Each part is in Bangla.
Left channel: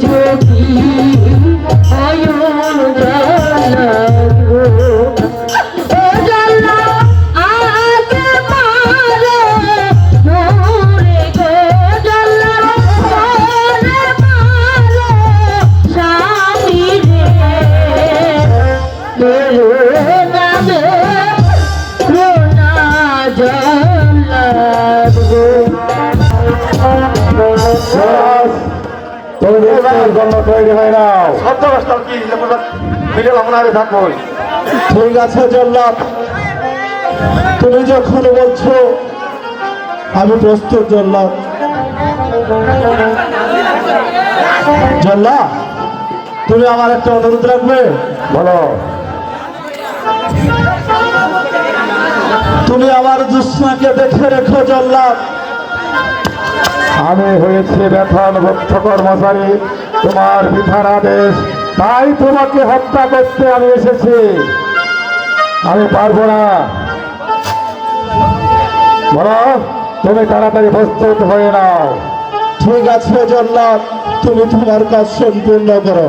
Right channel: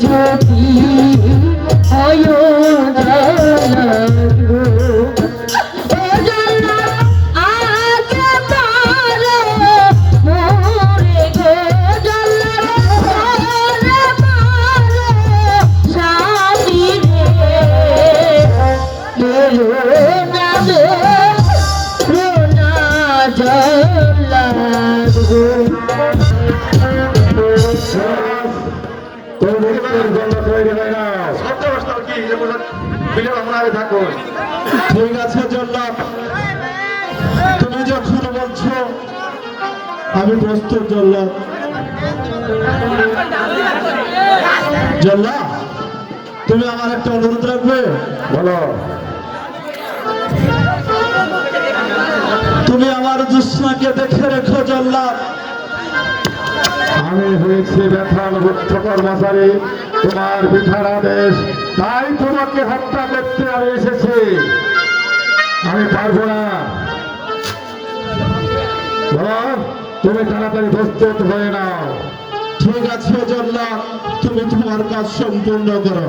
ঝাঁকি আয়ো জন্য তৈরি হয় থাকুন। ঠিক আছে জল্লাদ। তুমি যখন বলছো আমি প্রস্তুত জল্লাদ। জল্লাদ তুমি আমার একটা অনুরোধ রাখবে? বলো। তুমি আমার দুষ্ণাকে দেখে রেখো জল্লাদ। আমি হয়েছে ব্যথার ভক্ত কর্মচারী তোমার বিধানাদেশ, তাই তোমাকে হত্যা করতে আমি এসেছি। আমি পারব না। বলো, তুমি তাড়াতাড়ি প্রস্তুত হয়ে নাও। ঠিক আছে জল্লাদ, তুমি তোমার কাজ সম্পূর্ণ করো।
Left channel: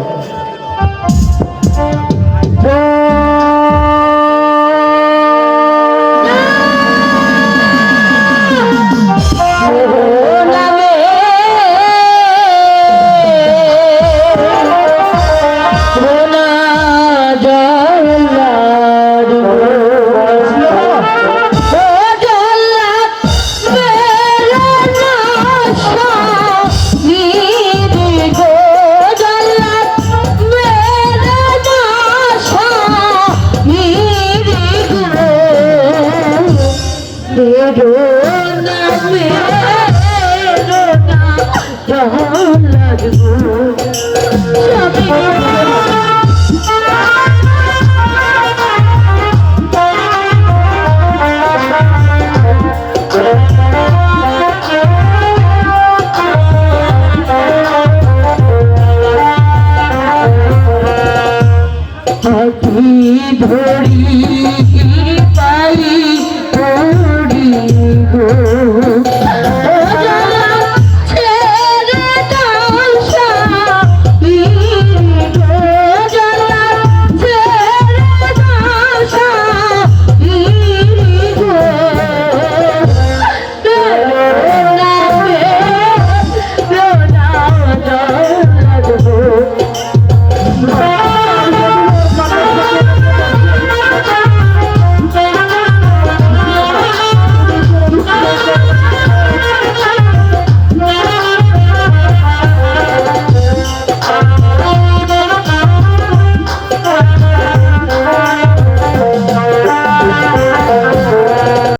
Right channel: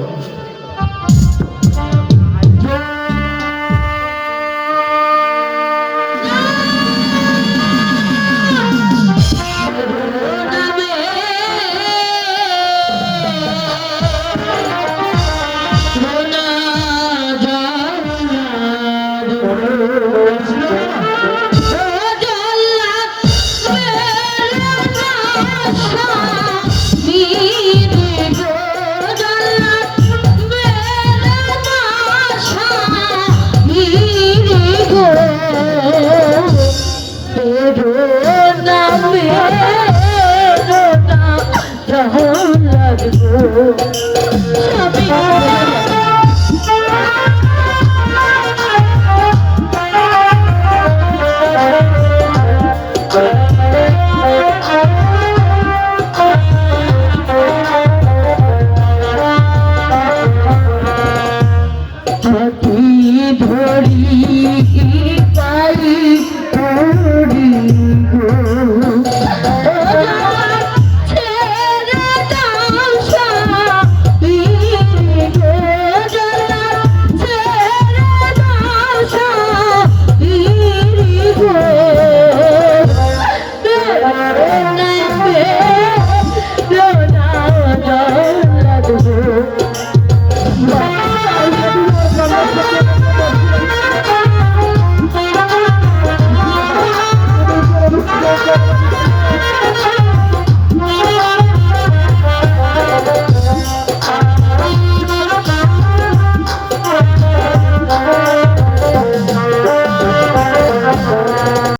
ধরি